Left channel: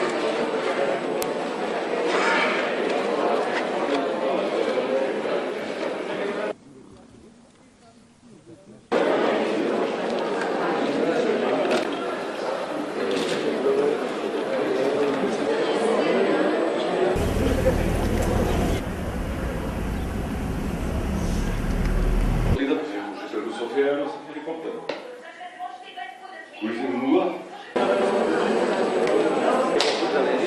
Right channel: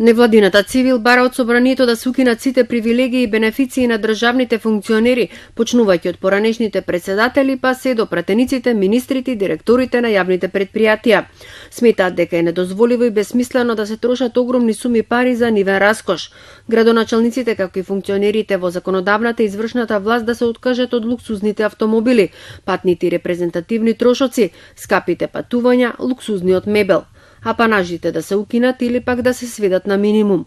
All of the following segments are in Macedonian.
Невладината Цивил бара од собранието да се укинат сите привилегии и бенефиции на државните функционери, почнувајќи од поранешните председатели па се до пратениците, министрите и директорите на јавните предпријатија. Сметаат дека е недозволиво и безсмислено да се трошат огромни суми пари за нивен раскош. Градоначалниците, както и функционерите во законодавната и извршната власт да се откажат од луксузните автомобили, патните и репрезентативни трошоци, скапите патувања, луксузниот мебел, апанажите да се укинат или пак да се сведат на минимум.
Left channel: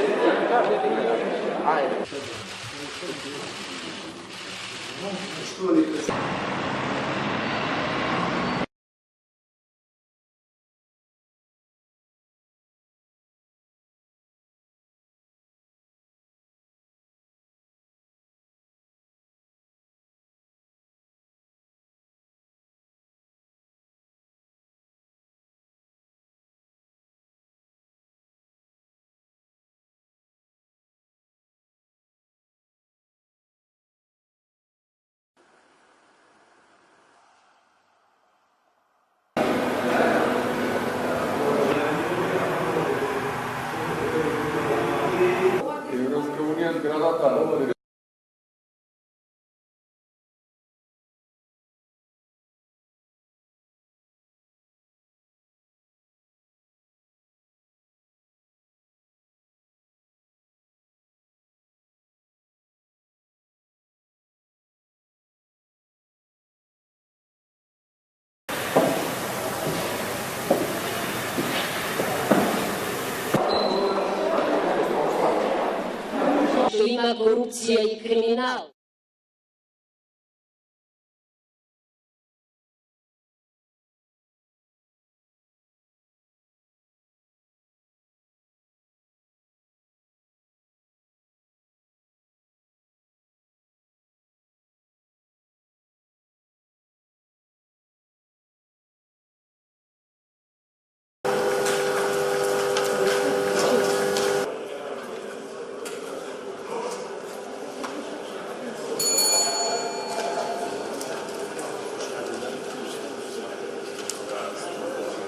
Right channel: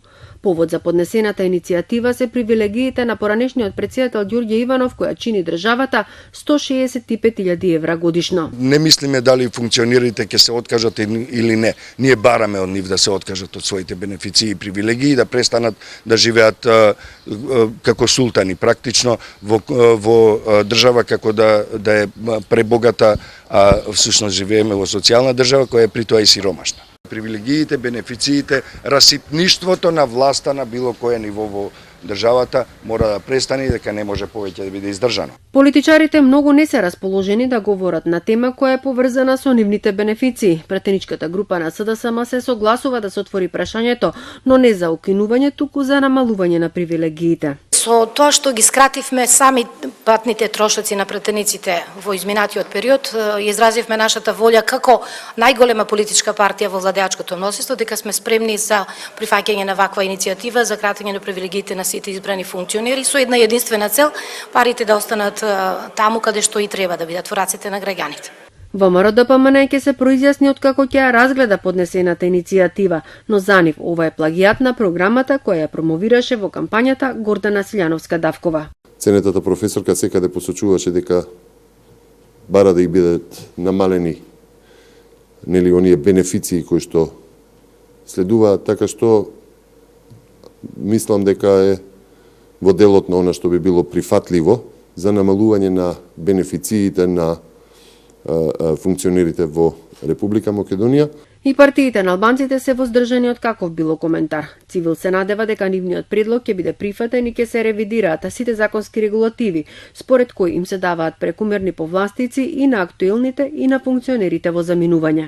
Повод за поднесената иницијатива се привилегиите на поранешниот претседател Ѓорѓе Иванов, која чини државата 165.000 евра годишно. Не мислиме дали функционерите ќе се откажат или не. Ние бараме од нив да се откажат од своите бенефиции и привилегии и да престанат да живеат како султани, практично во држава како да е пребогата, а всушност живееме во социјална држава која е при тоа и сиромашна. Привилегиите, бенефициите, расипништвото на власта на било кое ниво во државата мора да престане и дека не може повеќе да биде издржано. Политичарите многу не се расположени да говорат на тема која е поврзана со нивните бенефиции. Пратеничката група на СДСМ се согласува да се отвори прашањето, но не за укинување, туку за намалување на привилегиите. Со тоа што ги скративме сами патните трошоци на пратениците во изминатиот период, изразивме нашата волја како најголема политичка партија во владеачкото мнозинство дека сме спремни за прифаќање на ваква иницијатива за кратење на привилегиите на сите избрани функционери со една единствена цел: парите да останат таму каде што и треба, да бидат во рацете на граѓаните. ВМРО-ДПМН ќе се произјасни откако ќе ја разгледа поднесената иницијатива, но за нив ова е плагијат на програмата која ја промовираше во кампањата Гордана Силјановска-Давкова. Ценетата професорка секаде посочуваше дека бара да и бидат намалени оние бенефиции кои што следуваат, така што мислам дека е во делот на она што би било прифатливо за намалување на бенефициите на функционерите во Република Македонија. И партиите на албанците се воздржани од каков било коментар. Цивил се надева дека нивниот предлог ќе биде прифатен и ќе се ревидираат сите законски регулативи, според кои им се даваат прекумерни повластици и на актуелните и на функционерите во заминување.